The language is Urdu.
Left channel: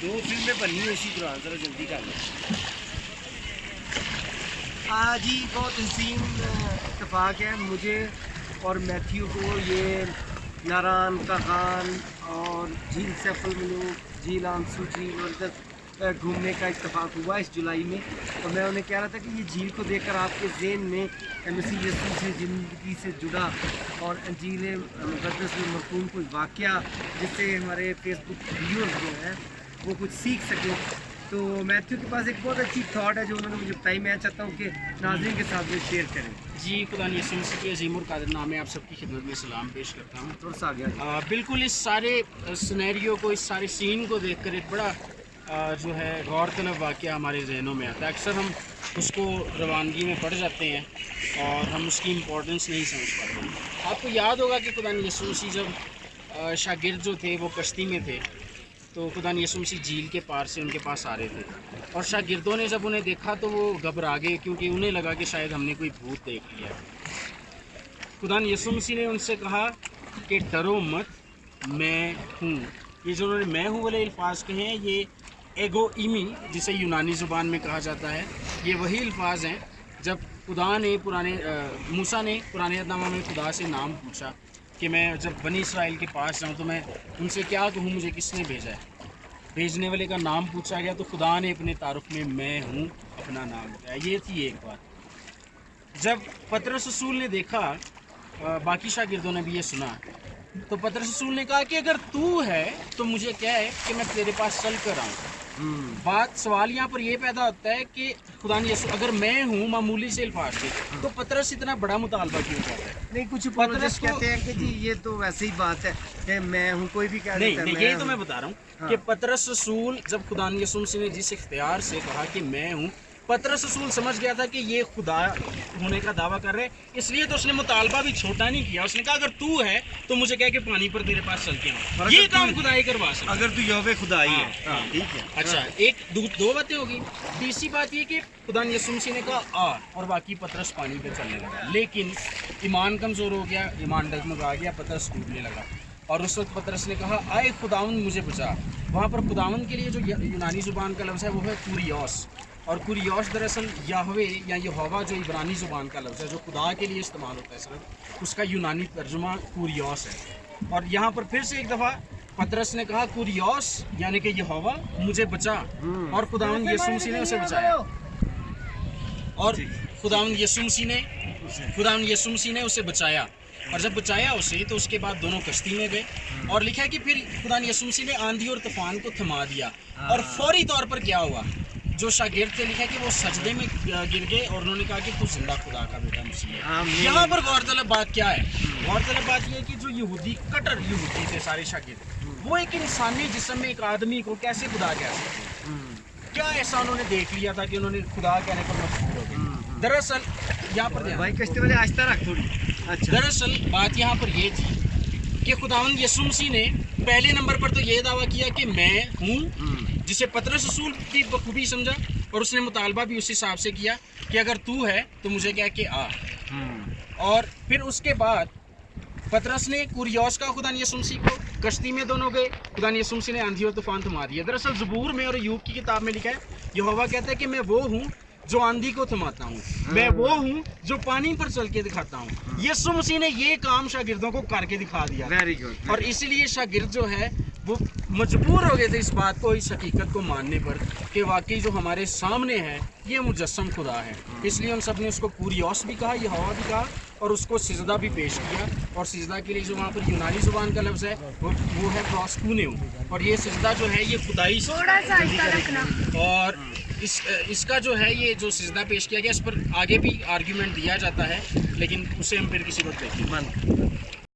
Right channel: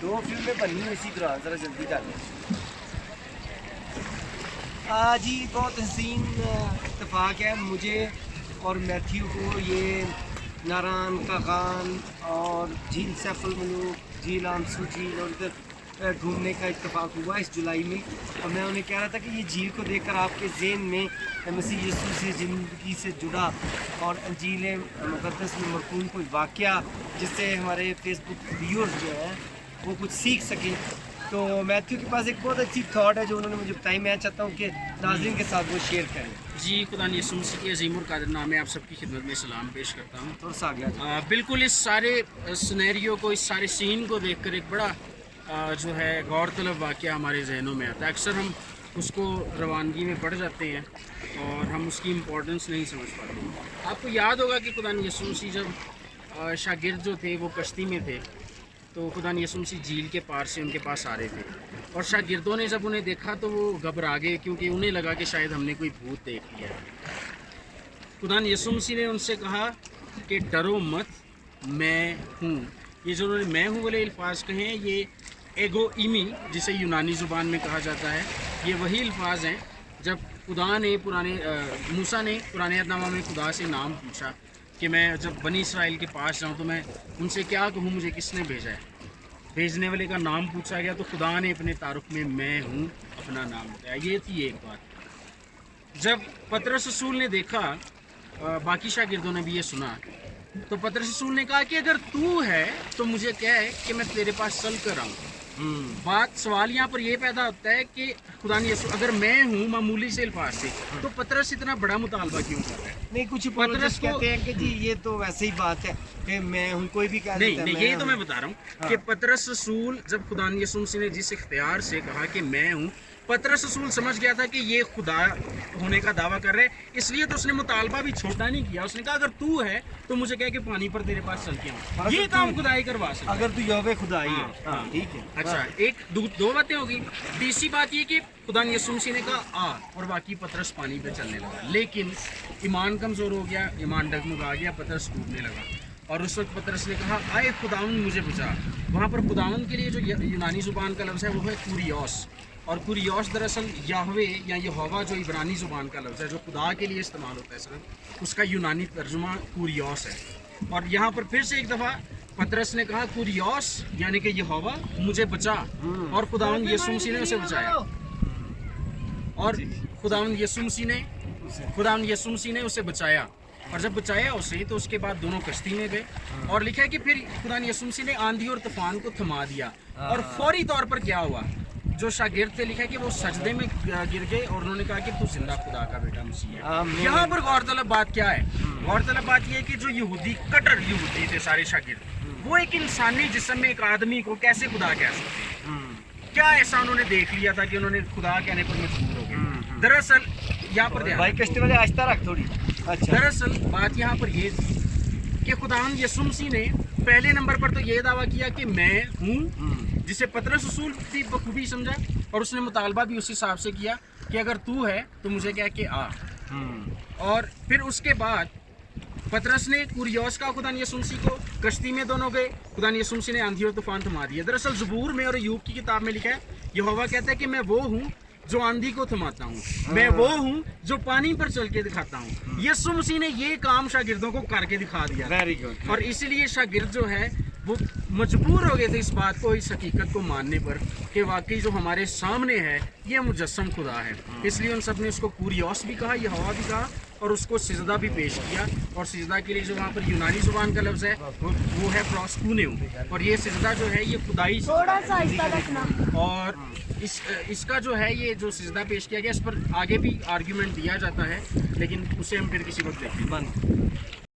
دو فلمیں بنی ہیں اسی طرح، ذرا جلدی کر لیں۔ جی بہت حسین اتفاق ہے مجھے اور میتھیو کو، یہ ناران کا خان اور جھیل سیف الملوک، جھیل آمسو جھیل اور ادھر گھومنے کا اتفاق ہوا اس جولائی میں، اور میں انہیں کہہ رہا تھا کہ یہ جھیل کو دیکھ کر آپ کے ذہن میں مسیح یسوع کی زندگی سے جڑا اور انجیل مقدس میں مرکون کوئی واقعہ جس سے ہمارے فیس بک ویورز جو ہیں وہ کچھ سیکھ سکیں۔ تو میتھیو کے پاس ایک بہت اچھی تھاٹ ہے جو انہوں نے مجھے بتائی، میں چاہتا ہوں کہ ناظرین کے ساتھ وہ شیئر کریں۔ جی، خدا یسوع مسیح کے عظیم القادر نام میں آپ سب کی خدمت میں سلام پیش کرتا ہوں۔ تھوڑا آ گیا جی۔ بالکل اس سارے سنیریو کو، اس سارے سین کو دیکھ کر ایک بڑا جو ہے غور طلب واقعہ ہمارے ذہنوں میں آتا ہے۔ اکثر ہم اس کو روانگی میں پڑھ جاتے ہیں اور ہم اس کی امپورٹنس نہیں سمجھ پاتے۔ آپ کو یاد ہوگا کہ خدا یسوع مسیح جب شاگرد جو تھے وہ کشتی میں تھے تو خدا یسوع مسیح جھیل کے پار سے ان کے پاس آ رہے تھے، اور شاگردوں نے جب انہیں دیکھا تو وہ گھبرا گئے کیونکہ انہیں لگا کہ شاید ہم نے کوئی بھوت دیکھ لیا ہے۔ خدا یسوع مسیح نے ان سے کہا کہ ڈرو مت، میں ہوں۔ یہ جو انہوں نے میں ہوں والے الفاظ کہے ہیں، یہ ایگو ایمی جسے یونانی زبان میں کہا جاتا ہے، یہ وہی الفاظ ہیں جب خدا نے موسیٰ نے پرانے عہد نامہ میں خدا سے نام پوچھا کہ میں جب بنی اسرائیل کے پاس جاؤں تو میں ان سے کیا کہوں، مجھے کس نے بھیجا ہے۔ بھیجنے والے کا نام پوچھا گیا تو خدا نے اپنے تعارف میں ہوں اپنا نام بتایا۔ یہ تھی ایک بات۔ جب پطرس رسول نے دیکھا، باقی شاگردوں نے بھی یہ سنا، تو پطرس رسول نے کہا کہ اگر تو ہے تو مجھے کیا ہے کہ میں تیرے پاس چل کر آؤں۔ سوال یہاں پر یہ پیدا ہوتا ہے کہ خدا یسوع اگر میں ہوں معمولی سے الفاظ سے، تو پطرس اتنا بڑا مطالبہ کیوں کر رہا ہے؟ نہیں، کچھ پطرس کہتے ہیں کہ جی یہ تو ویسے ہی بات ہے کہ میں ہوں، کوئی بھی کہہ دیتا ہے نہیں، یہی تو میں بتا رہا ہوں کہ پطرس رسول جب خدا یسوع مسیح نے جس اختیار سے کہا کہ میں ہوں، پطرس رسول سمجھ گیا تھا کہ یہ خدا ہونے کا دعویٰ کر رہے، اس لیے تو اس نے مطالبہ بھی چھوٹا نہیں کیا۔ اس نے کہا اگر تو ہے تو مجھے کہہ کہ پانی پر تیرے پاس چل کے آؤں، یہ کام خدا ہی کروا سکتا ہے اگر تو یہوہ خدا ہی ہے۔ ٹھیک ہے، اچھا، ایک دو باتیں ہوگی۔ تیسری بات یہ کہ خدا یسوع مسیح نے کہا آ، اور باقی پطرس پانی پہ چلنے لگا، لیکن ایمان کمزور ہو گیا، ایمان ڈگمگا گیا، پطرس ڈوبنے لگا، اور اس وقت پطرس نے کہا آئے خداوند مجھے بچا۔ وہاں پر خداوند کے لیے جو یونانی زبان کا لفظ ہے وہ ہے کوریوس، اور کوریوس دراصل یہوہ یا یہوہ جو عبرانی زبان کا لفظ ہے جو خدا کے لیے استعمال ہوتا ہے صرف، اس کا یونانی ترجمہ کوریوس ہے۔ اور یہاں پر پھر سے ایک دفعہ پطرس نے کہا کوریوس یعنی کہ یہوہ مجھے بچا، اور خداوند یسوع مسیح نے اسے بچایا، اور خداوند یسوع مسیح نے اسے بچایا، اور جب بچایا اسے تو اس کے بعد دونوں کشتی میں گئے، اور لکھا ہے کہ پھر خدا یسوع مسیح نے آندھی اور طوفان کو تھما دیا، اور فوری طور پر کیا ہوا، جو شاگرد تھے لکھا ہے کہ وہ سجدے میں گر گئے اور انہوں نے کہا کہ تو زندہ خدا کا بیٹا مسیح ہے۔ یہاں پر غور طلب بات کیا ہے؟ غور طلب بات یہ ہے کہ جو کٹر یہودی تھے سارے شاگرد، وہ ایک انسانی جسم میں ایک آدمی کو کیسے خدا کہہ سکتے ہیں؟ کیا ایسا انہوں نے دیکھ لیا تھا کہ انہوں نے خدا کہنے پر مجبور ہو گئے؟ دراصل یہاں پر بھائی کشتی والے آہستہ رکھ تھوڑی۔ اچھا، دراصل بات یہاں پر یہ تھی کہ خداوند یسوع مسیح نے پہلے نمبر پر تو یہ دعویٰ کیا کہ میں ہوں، جسے پطرس رسول بھی بخوبی سمجھا، اور اس نے مطالبہ بھی اس حساب سے کیا کہ اگر تو ہے تو مجھے کہہ کہ آ۔ اور پھر اس کے بعد پطرس نے کوریوس کا خدا یسوع مسیح کو، کشتی میں دونوں گئے، خدا یسوع مسیح نے آندھی اور طوفان تھما دیا۔ دراصل زبور میں اور ایوب کی کتاب میں لکھا ہے یہوہ کہتا ہے کہ میں وہ ہوں جو آندھی کو تھماتا ہوں، میں وہ ہوں جو پانی پر چل کے دکھاتا ہوں۔ یسوع مسیح نے یہ کام شاگردوں کو کر کے دکھا دیا، ویری گڈ۔ اور اسی لیے شاگرد جو ہے وہ مجبور ہو گئے تھے اس بات کو، اس حقیقت کو ماننے پر کہ واقعی جو ہمارے سامنے ہے یہ مجسم خدا ہے۔ اس لیے ان سب نے اس کو کوریوس بھی کہا، یہوہ بھی کہا، اور اس کو سجدہ بھی پیش کیا، اور سجدہ کے لیے جو وہاں پر یونانی زبان کا لفظ ہے وہ ہے پروسکونیو، اور یہ سجدہ جو ہے یہ خدائی تھوڑا سا آہستہ رکھنا، اور اس کا جو ہے یہ جو سجدہ پیش کیا گیا اس پر آگے بھی آرگیومنٹ دیا جاتا ہے، لیکن اسے ہم پھر کسی وقت دیکھیں گے۔